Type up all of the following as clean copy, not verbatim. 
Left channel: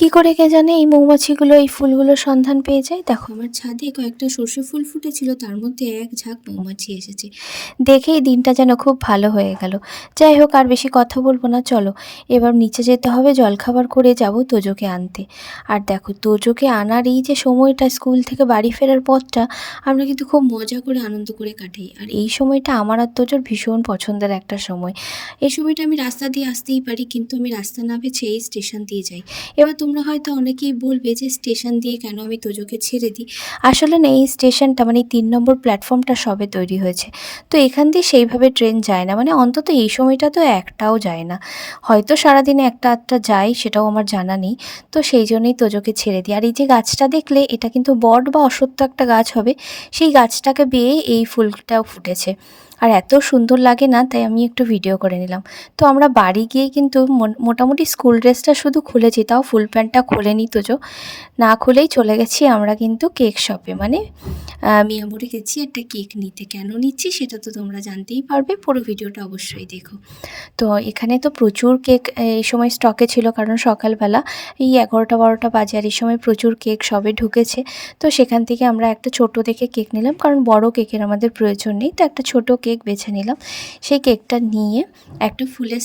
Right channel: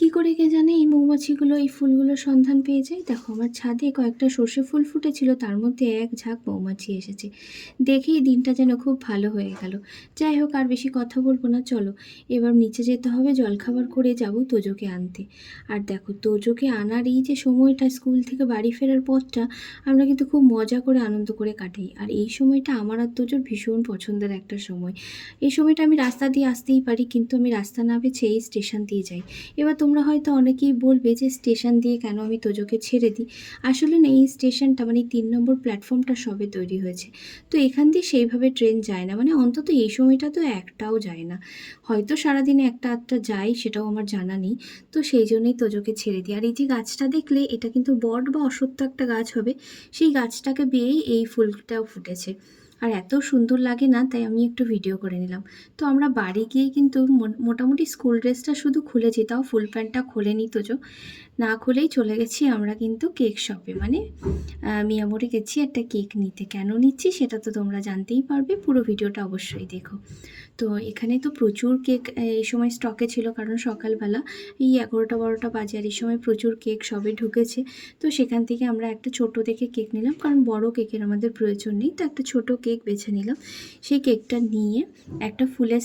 কি করে কে জানে এই মৌমাছিগুলো এই ফুলগুলোর সন্ধান পেয়ে যায়। দেখো আমার ছাদে কয়েকটা সর্ষে ফুল ফুটেছিল, তার মধ্যে এক ঝাঁক মৌমাছি এসেছে। দেখেই দিনটা যেন খুব ভালো হয়ে গেল। যাই হোক, আর বেশি কথা বলবো না, চলো এবার নিচে যেতে হবে, জলখাবার করে যাব তোজোকে আনতে। আর দেখো তোজোকে আনার এই যে সময়টা, স্কুল থেকে বাড়ি ফেরার পথটা আমরা কিন্তু খুব মজা করে আনন্দ করে কাটাই। আর এই সময়টা আমার আর তোজোর ভীষণ পছন্দের একটা সময়। এই সময়টা আমি রাস্তা দিয়ে আসতেই পারি, কিন্তু আমি রাস্তা না বেছে এই স্টেশন দিয়ে যাই। এবার তোমরা হয়তো অনেকেই বলবে যে স্টেশন দিয়ে কেন আমি তোজোকে ছেড়ে দিই। আসলে না, এই স্টেশনটা মানে ৩ নম্বর প্ল্যাটফর্মটা সবে তৈরি হয়েছে, তো এখান দিয়ে সেইভাবে ট্রেন যায় না, মানে অন্তত এই সময়টা তো একটাও যায় না। হয়তো সারাদিনে একটা আধটা যায়, সেটাও আমার জানা নেই। তো সেই জন্যই তোজোকে ছেড়ে দিই। আর এই যে গাছটা দেখলে, এটা কিন্তু বট বা অশ্বত্থ একটা গাছ হবে, সেই গাছটাকে বেয়ে এই ফুলটাও ফুটেছে। আর এত সুন্দর লাগে না, তাই আমি একটু ভিডিও করে নিলাম। তো আমরা বাড়ি গিয়ে কিন্তু মোটামুটি স্কুল ড্রেসটা শুধু খুলেছি, তাও ফুল প্যান্টটা খোলেনি তোজো। না খুলেই চলে গেছি আমরা কিন্তু কেক শপে, মানে মিয়ামোরে গেছি একটা কেক নিতে। কেন নিচ্ছি সেটা তো তোমরা জানতেই পারবে, পুরো ভিডিওটা অবশ্যই দেখো। তো এখানে তো প্রচুর কেক এই সময় স্টকে ছিল, কারণ সকালবেলা এই 11টা-12টা বাজে, আর এই সময় প্রচুর কেক সবে ঢুকেছে। তো সেখান থেকে আমরা একটা ছোট দেখে কেক নিলাম, কারণ বড় কেকের আমাদের প্রয়োজন নেই, তো একটা ছোট কেক বেছে নিলাম। সেই কেকটা নিয়ে একটা ফুলের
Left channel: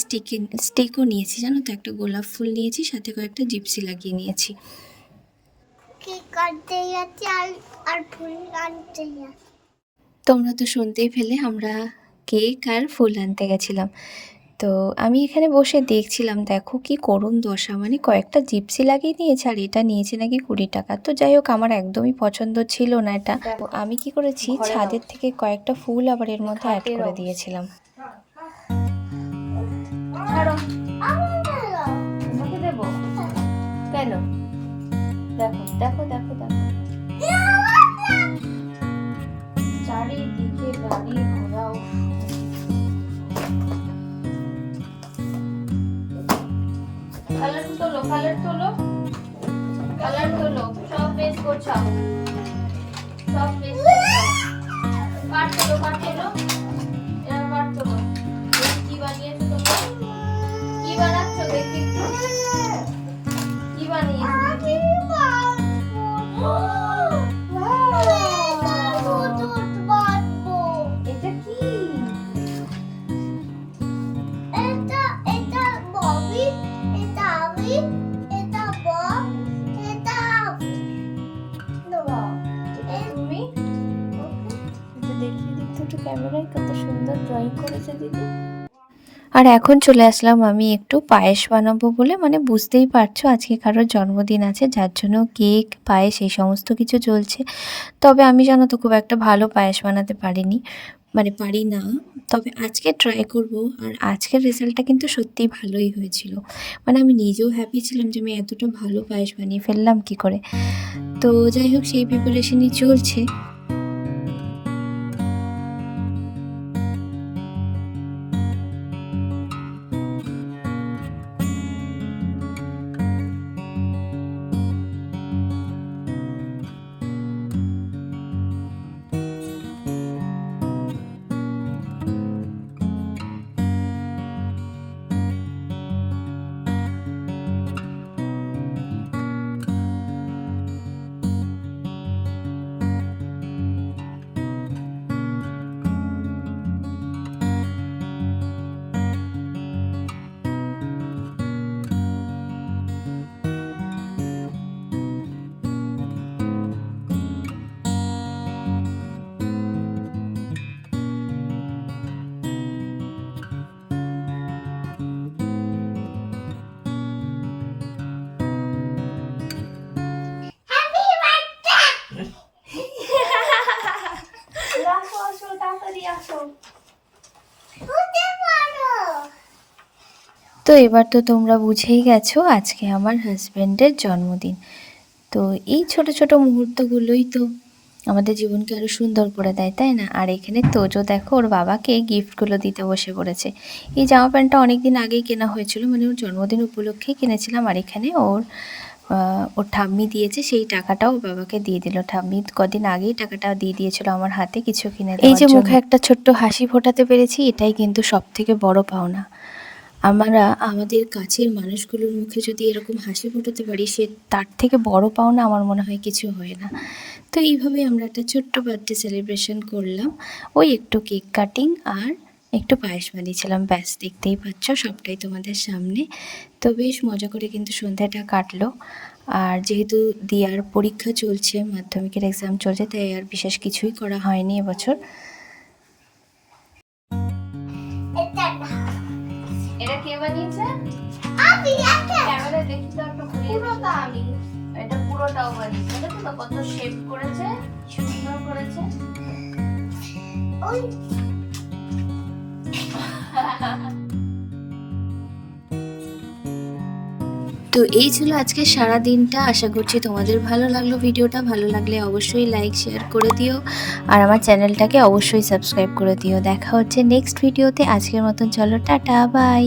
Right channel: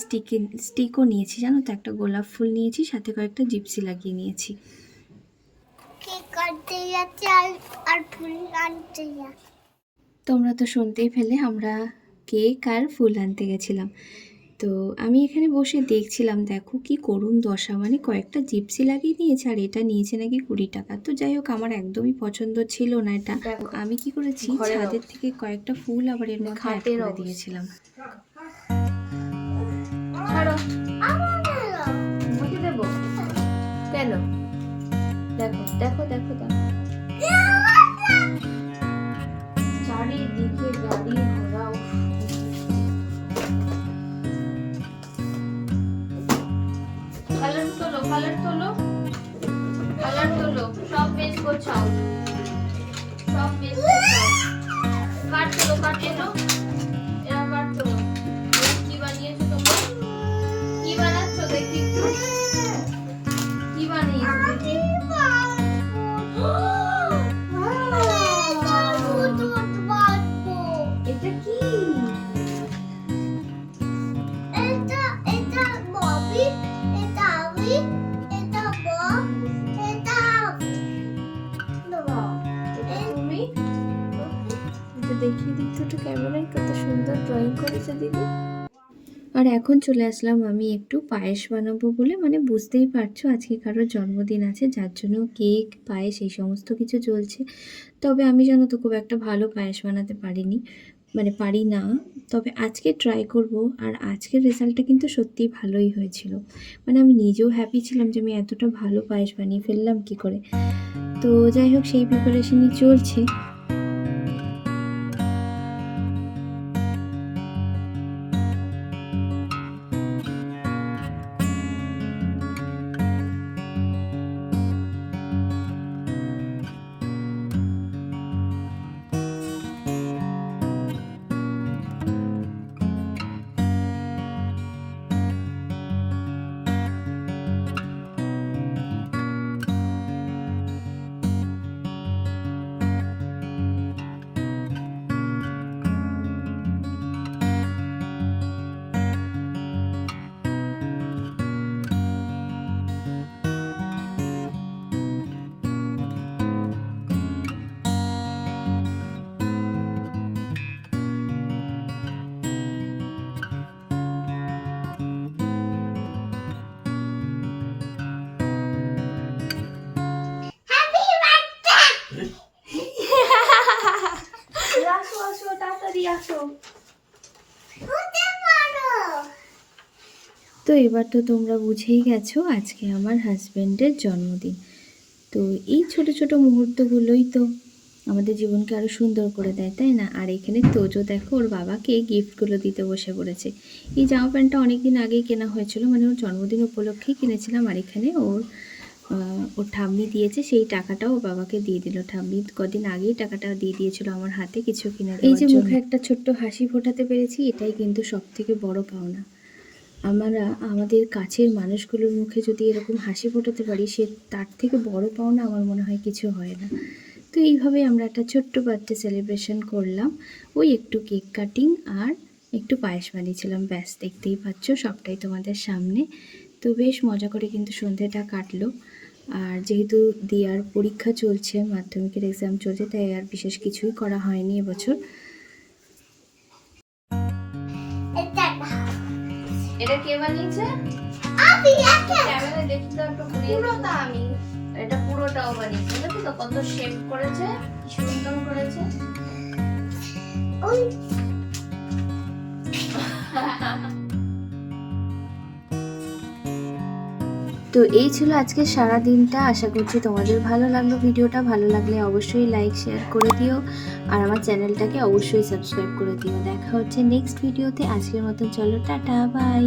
স্টিকও নিয়েছি, জানো তো, একটা গোলাপ ফুল নিয়েছি, সাথে কয়েকটা জিপসি লাগিয়ে নিয়েছি। তোমরা তো শুনতেই পেলে, আমরা কেক আর ফুল আনতে গেছিলাম। তো আমি এখানে বসে দেখছিলাম, দেখো কি করুণ দশা, মানে কয়েকটা জিপসি লাগিয়ে নিয়েছে, আর এটা নিয়েছে নাকি 20 টাকা। তো যাই হোক, আমার একদমই পছন্দ ছিল না এটা। আমি কি করেছি, ছাদের থেকে কয়েকটা ফুল আবার এর মধ্যে অ্যাড করে দিয়েছিলাম। তোমাকে দেবো কেন? দেখো দেখো দেখো দেখো, চারিদিকে গাড়ি ঘোড়া। কালার তোলো, কালার তোলো, কালার তোলো, সব মেজ গোছাও, সব মেজ গোছাও। কাট তোলো, কাট তোলো, এরকম কাট তোলো। কি বানিয়েছো তোমরা? কি বানাচ্ছো দেখি? কি বানিয়েছো দেখি? এটা কি? এটা ববি, এটা আমি, এটা বব, এটা এটা তুমি? ওকে। এটা দেখিয়ে দিই তো একটু ক্যামেরায়, কত সুন্দর ড্রয়িং করেছে দিদি। আর এখন চলে আসলাম আমি একটু পায়েস বানাবো বলে, মানে বুঝতেই পারছো আজকে কারোর জন্মদিন আছে, যার জন্য কেক পায়েস এই সমস্ত কিছু চলছে। তবে আমি জানো তো খুব একটা ভালো পায়েস বানাতে পারিনি, মানে পারি না। তবে আজকে ট্রাই করব। আর আজকের রেজাল্টটা কিন্তু সত্যিই ভালোই হয়েছিল, মানে আমি নিজেও হ্যাপি ছিলাম যে আমি এতটা ভালো পায়েস বানিয়ে ফেললাম কি করে। তো যাই হোক, সেই প্রিপারেশনই চলছে। আসো আসো, তাড়াতাড়ি আসো। তো এবার তো তোমরা বুঝেই গেছো আজকে আমার হাজব্যান্ডের জন্মদিন। তো এই ছোট ছোট মুহূর্তগুলোই তো আমাদের জীবনকে আরও সুন্দর করে দেয়, তাই না? আর এখানে তোজো দেখো ওর বাবাকে গিফটগুলো দিতে বসে পড়েছে। এই জামা প্যান্টটা অনেক দিন আগেই কেনা হয়েছিল, মানে ওর জন্মদিন উপলক্ষেই কিনেছিলাম। আর এখানে ওর ঠাম্মি দিয়েছে, সেই টাকাটাও ওর বাবাকে দিয়ে দিল। ঠাম্মি কদিন আগেই টাকাটা দিয়ে দিয়েছিল আমার হাতে কিছু কিনে দেওয়ার জন্য। এই যে মুখে একটা ছোট্ট হাসি ফোটাতে পেরেছি, এটাই কিন্তু সব থেকে বড় পাওনা। আমরা আমাদের কাছের মানুষগুলোর মুখে যদি এরকম হাসি ফোটাতে পারি, সে তার থেকে বড় পাওনা আমার মনে হয় কিছু হয় না। তো এইভাবে আমরা একটা ছোট্ট বার্থডে সেলিব্রেশন করলাম। ওই একটু কেক কাটিং আর একটু পায়েস বানিয়েছিলাম, ব্যাস দেখতেই পাচ্ছ সবটাই তোমাদের সামনে। তো বেশ মজা করে কিন্তু সন্ধ্যাটা কাটলো। আর যেহেতু দিয়ার পরীক্ষা চলছে, মাধ্যমিকের এক্সাম চলছে, তাই আর বিশেষ কিছুই করা হয়নি এবছর। এটা এটা কে বানিয়েছে? আমি একটা ক্যামেরায় দেখি তো একটু ঘুরিয়ে পুরোটা আমি। এটা পুরোটাও বানিয়েছে, দেখো তো কত শেপ করেছে, কি সুন্দর করেছে। ওই তো এই ছিল আজকে সারা দিনটা। আশা করছি তোমাদের ভালো লাগলো ভিডিওটা। ভালো লাগলে অবশ্যই লাইক শেয়ার করে দিও, আর আমার চ্যানেলটাকে অবশ্যই সাবস্ক্রাইব করে দিও। দেখা হচ্ছে নেক্সট ভিডিওতে। আজকের মতন চলো, টাটা, বাই।